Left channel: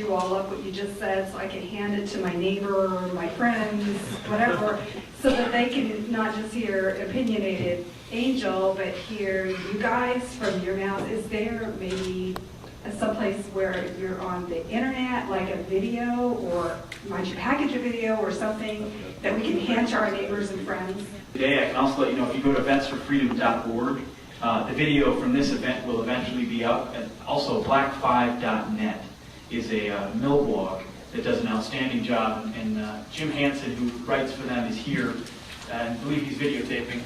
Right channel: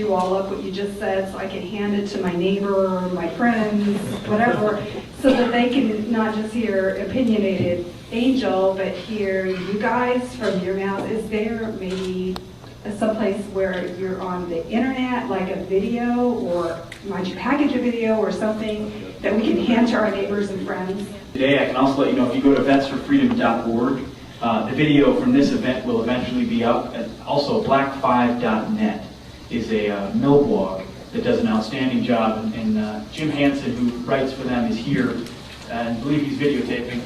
you all up what you just said so I can hand it to my neighbor, my friends, whatever, so that they can not just hear opinionated Angel, but hear you guys from your mouth. Is there maybe someplace where you're on the internet, like a video, or might you package a video or something that we can hand to our neighbors and friends? Today, I can also let you know, if you go to vetsforfreedom.org, the video from this event will eventually be up. And also, black5.net is a mill blog that does an outstanding job. And Jim Hansen, who writes for them, is here. And I believe he's videotaping.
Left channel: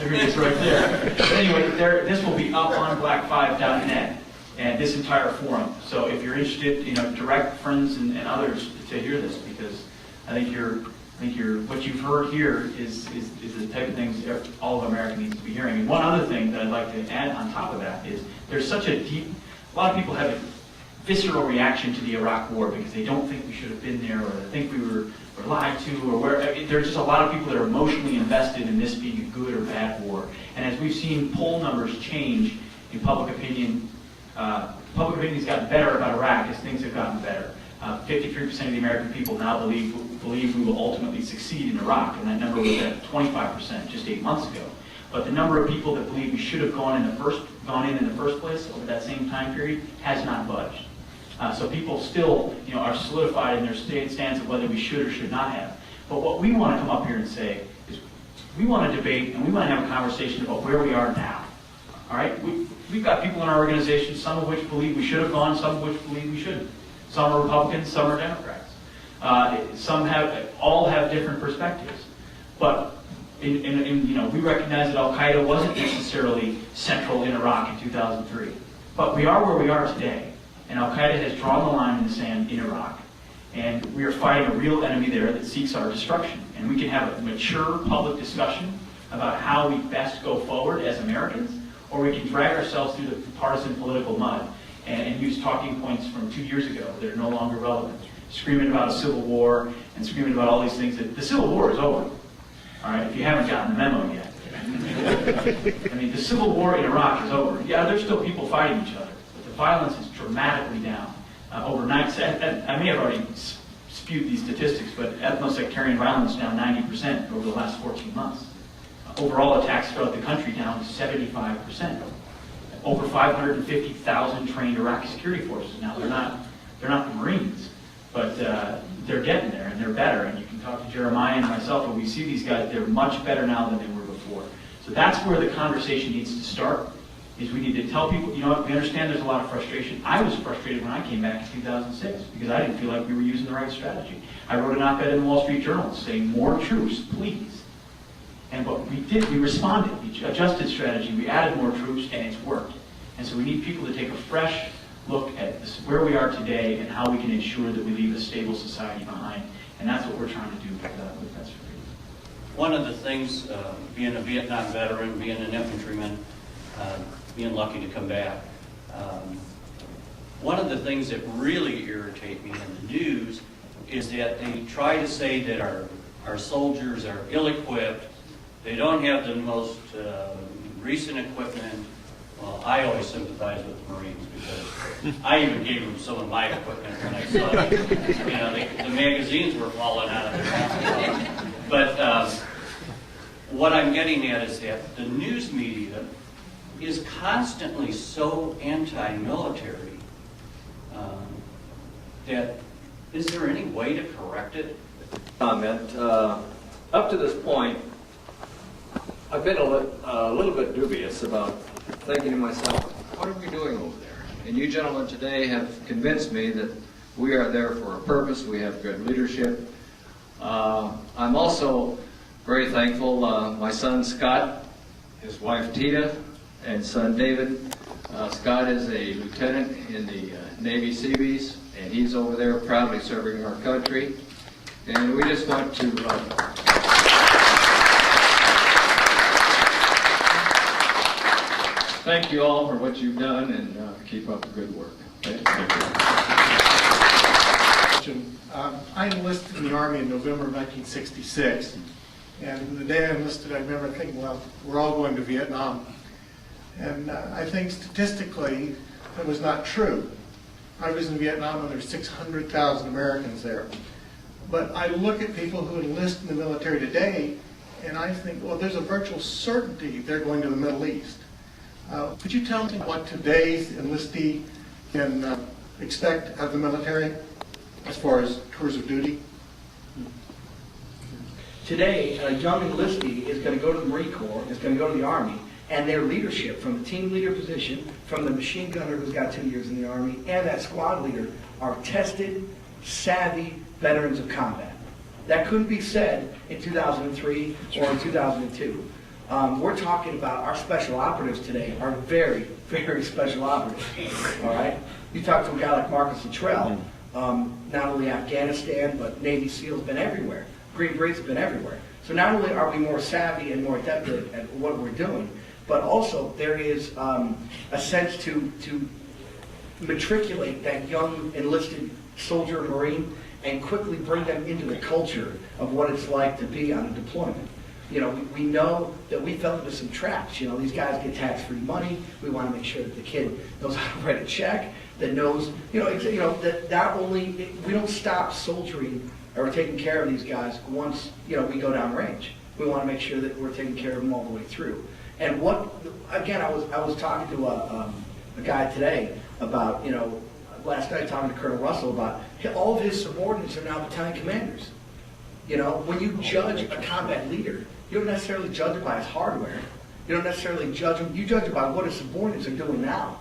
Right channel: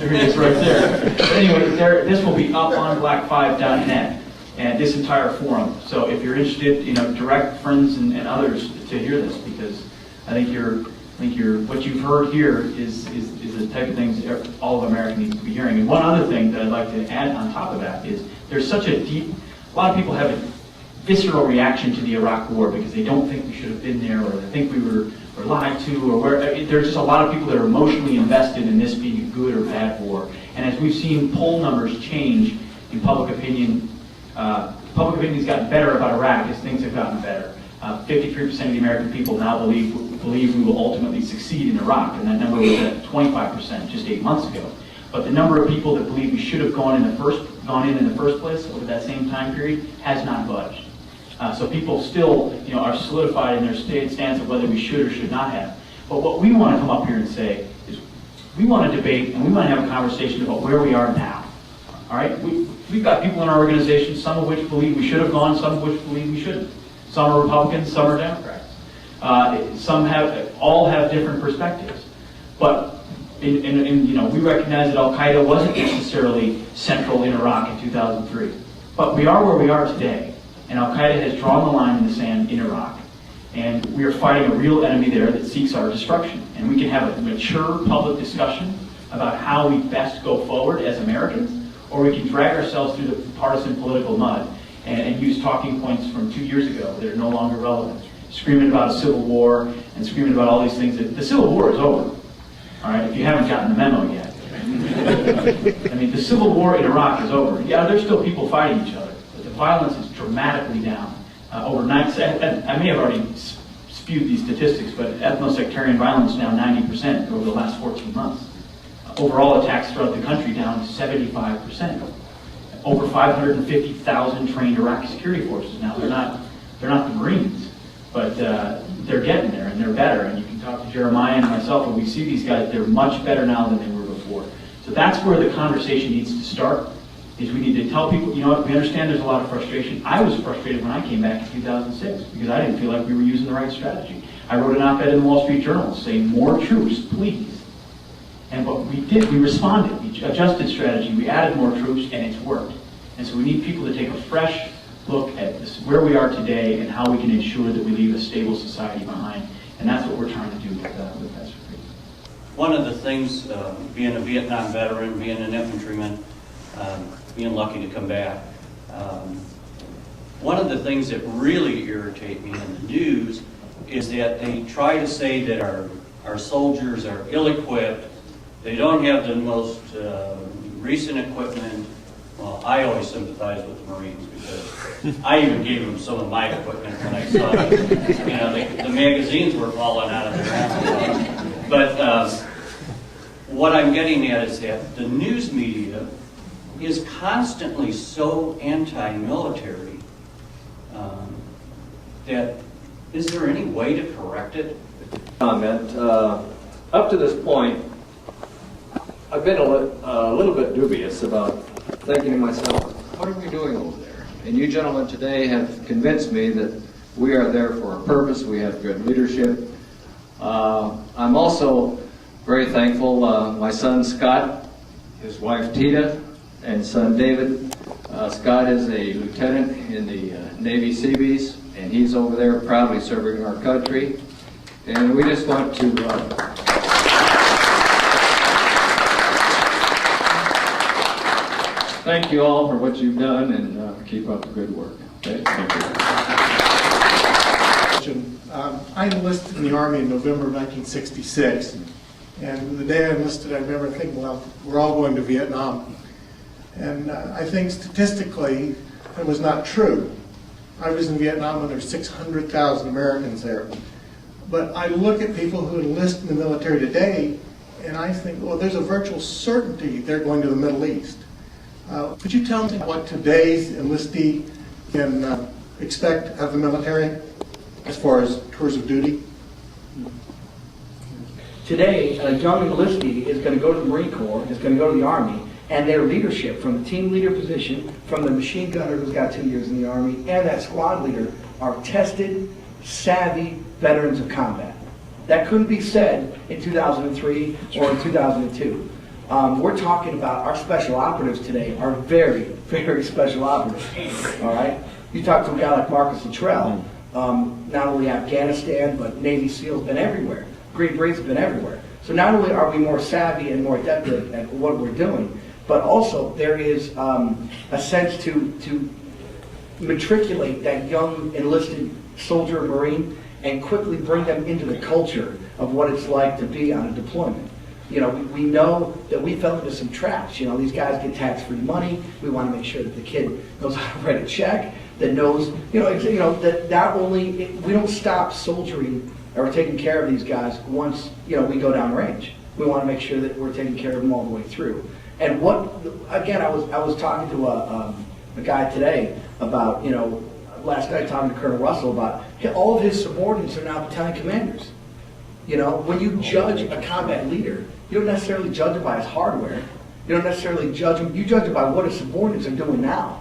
There he is right there. But anyway, this will be up on black5.net and this entire forum. So if you're interested, direct friends and others to hear this, because I think what you've heard here is the type of things all of America needs to be hearing. And one other thing that I'd like to add on top of that is there's such a lot of people have a visceral reaction to the Iraq War because they don't think we should have been there, or they think we were lied to, or there's just a lot of people that are emotionally invested in this being a good or bad war. And as we've seen poll numbers change in public opinion has gotten better about Iraq as things have gotten better. 53% of the American people now believe we will ultimately succeed in Iraq, and that number was at 25% just 8 months ago. But the number of people that believe we should have gone in in the first place over that same time period has not budged. So people still, are solidified in their stance of whether we should or should not have. But what we want to come up here and say is, we want to debate and we want to have a conversation about where we are now. All right, we've got people in our organization, some of which believe we should have gone, some of which believe we shouldn't. Some are Republicans, some are Democrats. All have different perspectives. But we recognize that Al Qaeda wasn't necessarily central in Iraq in 2003. But we are where we are today. And Al Qaeda has drawn the line in the sand in Iraq. And we are fighting a real enemy there that seeks our destruction. And we can have a mature public discussion about how we best go forward as Americans, or we can drag ourselves through the partisan political mud and use talking points from 2 years ago that are no longer relevant. Screaming about a civil war and screaming about all these things. The civil war is over. All right, if you haven't gotten the memo yet. I mean, the civil war in Iraq is over. Yeah, there's still people fighting each other, but the violence is dramatically down. I may have already spewed these statistics, but ethno-sectarian violence down 90% over the last 14 months. Overall attacks throughout the country down 75%. Over 550,000 trained Iraqi security forces. Now they're not the Marines, but they're getting there and they're better. And you can talk to Jeremiah and myself, and we see these guys. They're much better now than they were before. So that's where the conversation needs to start. Is we need to tell people, we understand there's a lot of frustration. I was frustrated when I came back in 2006 because I didn't feel like we were using the right strategy. I wrote an op-ed in the Wall Street Journal saying, more troops, please. And what we did, we responded. We adjusted strategy. We added more troops, and it's worked. And so we need people to take a fresh look at where we are today and how we can ensure that we leave a stable society behind. And that's what we're trying to do with Vets for Freedom. One of the things, being a Vietnam veteran, being an infantryman, being lucky to come back, one of the things that really irritate me in the news is that they try to say that our soldiers are ill-equipped. They don't have the most recent equipment. Well, I always sympathize with the Marines because I even gave them some of my equipment when I saw the magazines were falling out of their hands. But what I'm getting at is that the news media is constantly so anti-military that is there any way to correct it? Comment. Up to this point, I've been a little bit dubious about thinking to myself, what are we doing over there? And you gentlemen today have convinced me that we are there for a purpose. We have good leadership. I'm also very thankful. My son Scott, his wife Tita, and son David. Scott is a lieutenant in the Navy Seabees, and he's over there proudly serving our country. And we just want to thank you all for what you've done, and keep up the good work. Okay? Thank you. I enlisted in the Army in November of 1966, and the day I enlisted, I remember thinking, well, we're all going to Vietnam. And I think statistically, it was not true. I was in Vietnam and there's 600,000 Americans there. But I look at people who enlist in the military today, and I think, well, there's a virtual certainty they're going to the Middle East. Could you tell me what today's enlistee can expect of the military as far as tours of duty? Today, a young enlistee is going to go to the Marine Corps, is going to go to the Army, and their leadership, from the team leader position, from the machine gunner who's got 2 years in the Army, and that squad leader, are tested, savvy veterans of combat. That couldn't be said in 2003 or in 2002. We're talking about our special operatives today are very, very special operatives. All right? You talk to a guy like Marcus Luttrell, not only Afghanistan, but Navy SEALs been everywhere. Green Berets have been everywhere. So not only are we more savvy and more adept at what we're doing, but also there is a sense to matriculate that young enlisted soldier or Marine and quickly bring them into the culture of what it's like to be on a deployment. You know, we know that we fell into some traps. You know, these guys get tax-free money. We want to make sure that the kid knows how to write a check, that knows, that not only, we don't stop soldiering or taking care of these guys once, we go down range. We want to make sure that we're taking care of them all the way through. And again, I was talking to a guy today about, last night talking to Colonel Russell about all of his subordinates are now battalion commanders. When you judge a combat leader, you don't necessarily judge him by his hardware. You don't necessarily judge him. You judge him by what his subordinates are doing now.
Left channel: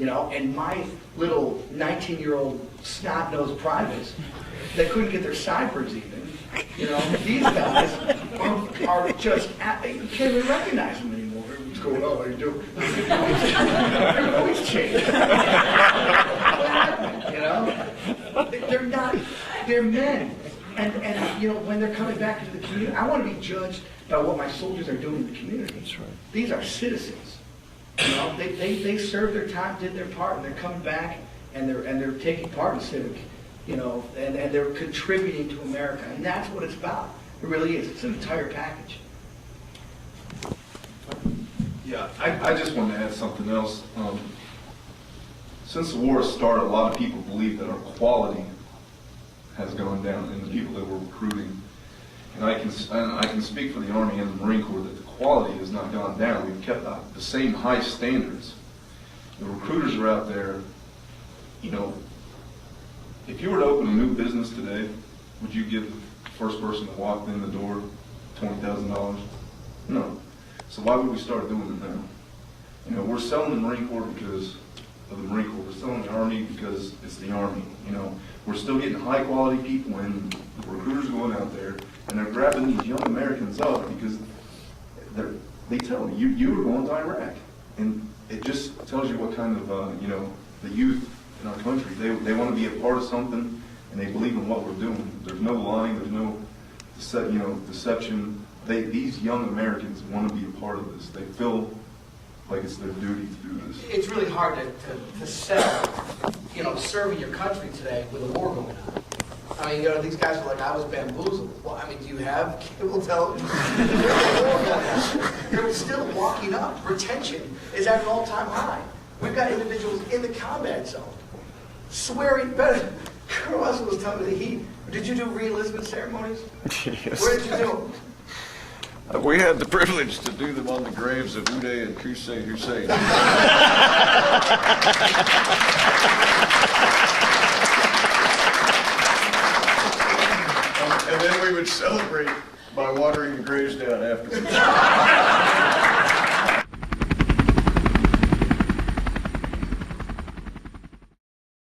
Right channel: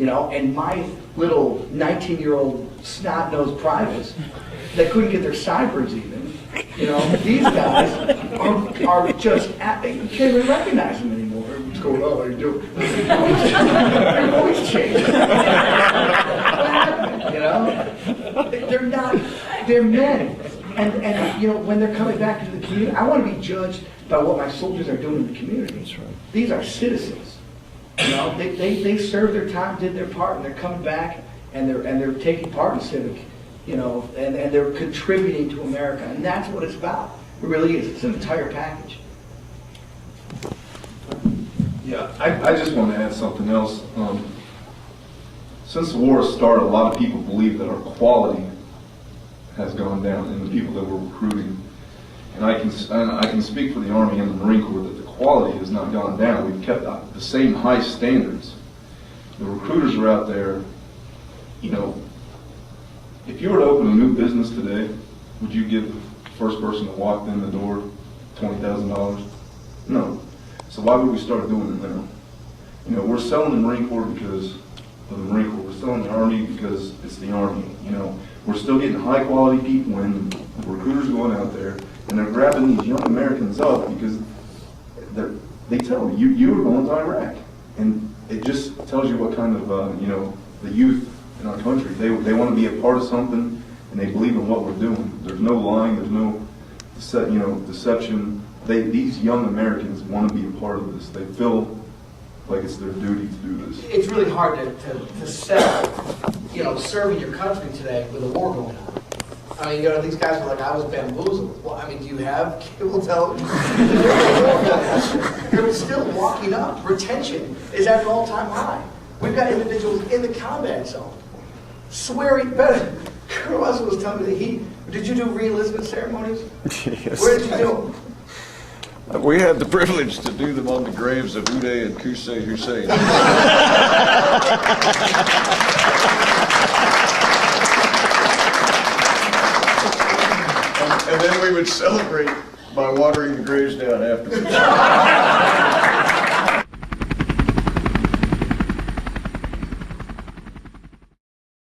And my little 19-year-old snot-nosed privates that couldn't get their sideburns even, these guys are just, you can't even recognize them anymore. What's going on? What are you doing? Their voice changed. They're men. And when they're coming back into the community, I want to be judged by what my soldiers are doing in the community. That's right. These are citizens. They served their time, did their part, and they're coming back and they're taking part in civic, and they're contributing to America. And that's what it's about. It really is. It's an entire package. Yeah, I just want to add something else. Since the war started, a lot of people believe that our quality has gone down in the people that we're recruiting. And I can speak for the Army and the Marine Corps that the quality has not gone down. We've kept the same high standards. The recruiters are out there, if you were to open a new business today, would you give the first person that walked in the door $20,000? No. So why would we start doing it now? We're selling the Marine Corps because of the Marine Corps. We're selling the Army because it's the Army. We're still getting high quality people when the recruiters are going out there and they're grabbing these young Americans up because they tell them, you were going to Iraq. And it just tells you what kind of, the youth in our country, they want to be a part of something and they believe in what we're doing. There's no lying, there's no deception. These young Americans want to be a part of this. They feel like it's their duty to do this. It's really hard to sell, serving your country today with a war going on. I mean, these guys are like, I was bamboozled. Well, do you have cable television? They're still walking up. Retention is at an all-time high. We've got individuals in the combat zone swearing better. Colonel Russell was telling me did you do re-enlistment ceremonies? Yes. Where did you do them? We had the privilege to do them on the graves of Uday and Qusay Hussein. And then we would celebrate by watering the graves down afterwards.